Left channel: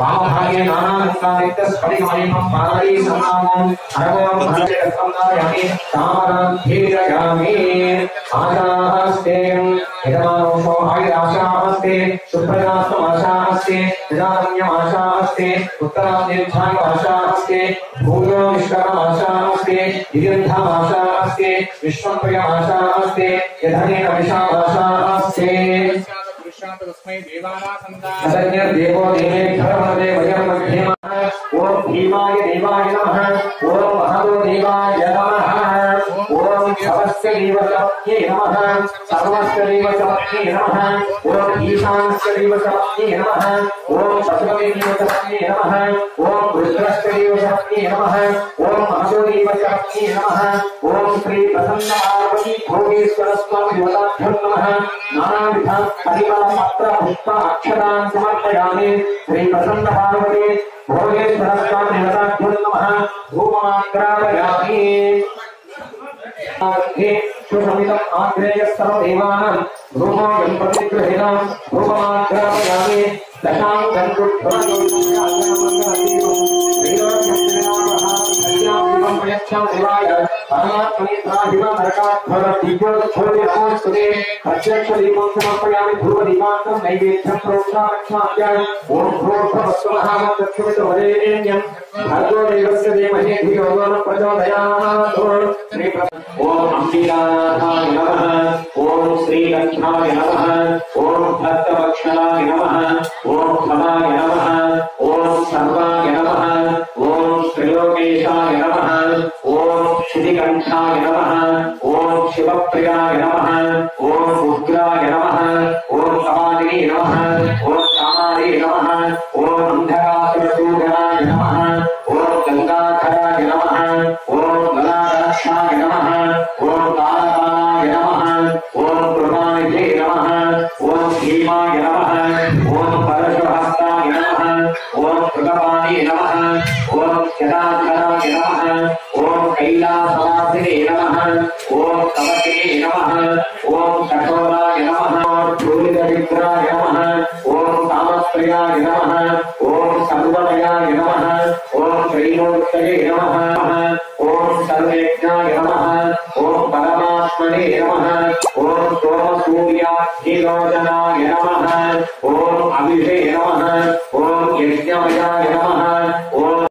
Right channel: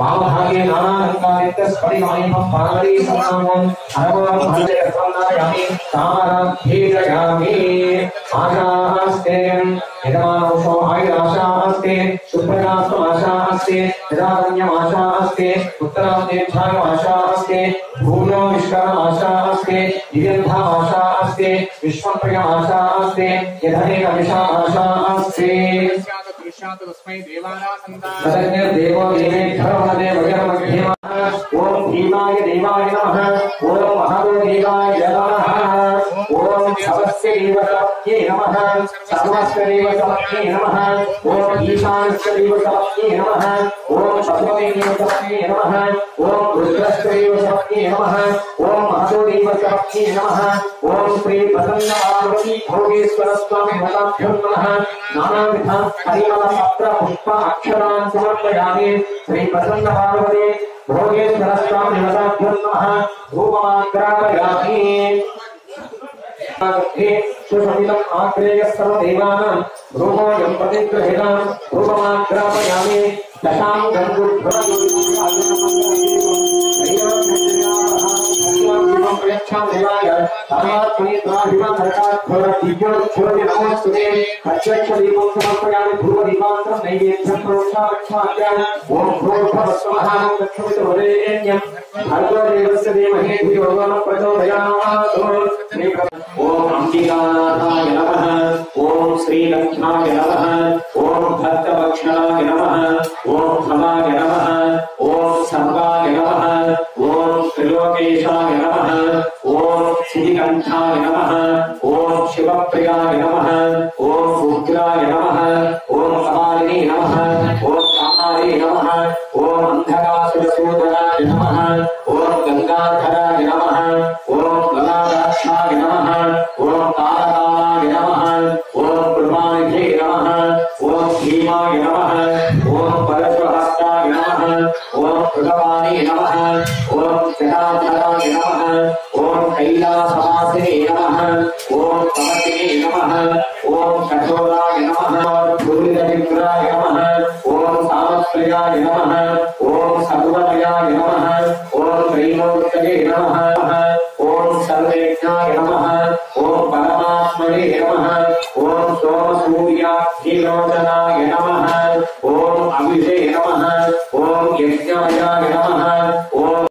वामभागे नानालङ्कारितस्फटिकमणिमं पाणि सन्नामं अरवं भजयसन्दायमि तामरं धीरयामि आशास्तेयं यजमानोषो आयुराशास्ते सुप्रजास्तमाशास्ते यदारण्यमाशास्ते उत्तरादीर्घायमाशास्ते भूयो विश्वमाशास्ते दिव्यन्धामाशास्ते विश्वप्रियमाशास्ते यधनेन विशामाशास्ते देवो ओम भीमाय देवाय नमः ओम महादेवाय नमः ओम सर्वस्य देवतायै नमः सर्वस्य देवतायै नमः ओम ईशानस्य देवतायै नमः ओम पशुपते देवतायै नमः ओम रुद्रस्य देवतायै नमः ओम महादेवतायै नमः ओम श्री प्रसन्न पार्वती भोगेश्वर स्वामी देवताभ्यो नमः नानाविध परिमल पत्र पुष्प अक्षरान् समर्पयामि श्री प्रसन्न पार्वती भोगेश्वर स्वामी देवताभ्यो नमः धूपमाग्रापयामि सुशमितम् आग्रेय सर्वदेवानां धूमोऽयं प्रतिगृहीणां धूपमाग्रापयामि दशाङ्गं देवाय परमात्मने स्वाहिमं नरकात्मरदिव्योच्छोदि नमोस्तुते अध्यक्षदीपं समर्पयामि धूपदीपान्तं नैवेद्यं प्रोक्षामक्षाम्य ॐ भूर्भुवस्सुमहानं दक्षिणवरेण्यं भर्गो देवस्य धीमहि धियो यो नः प्रचोदयात् ॐ अम्बिकानाथाय नमः ॐ श्रीलक्ष्माय नमः ॐ भक्तवत्सलाय नमः ॐ भवाय नमः ॐ सर्वाय नमः ॐ त्रिलोकेशाय नमः ॐ श्रीकण्ठाय नमः ॐ शिवप्रियाय नमः ॐ रुद्राय नमः ॐ कपालिनी नमः ॐ कामाली नमः ॐ अन्धकासुरसूदनाय नमः ॐ गंगाधराय नमः ॐ गलाक्षाय नमः ॐ तारकाय नमः ॐ प्रमाणिधे नमः ॐ भीमाय नमः ॐ परशुहस्ताय नमः ॐ कृतपाणि नमः ॐ जटाधराय नमः ॐ कैलासवासिने नमः ॐ तमसिने नमः ॐ कठोराय नमः धूलितविग्रहाय नमः ॐ सामप्रियाय नमः ॐ सर्वमयाय नमः ॐ त्रैलोक्ये नमः ॐ सर्वेज्ञाय नमः ॐ परमात्मने नमः ॐ सोमसूर्याग्निलोचनाय नमः ॐ अभिषे नमः ॐ यज्ञमयाय नमः ॐ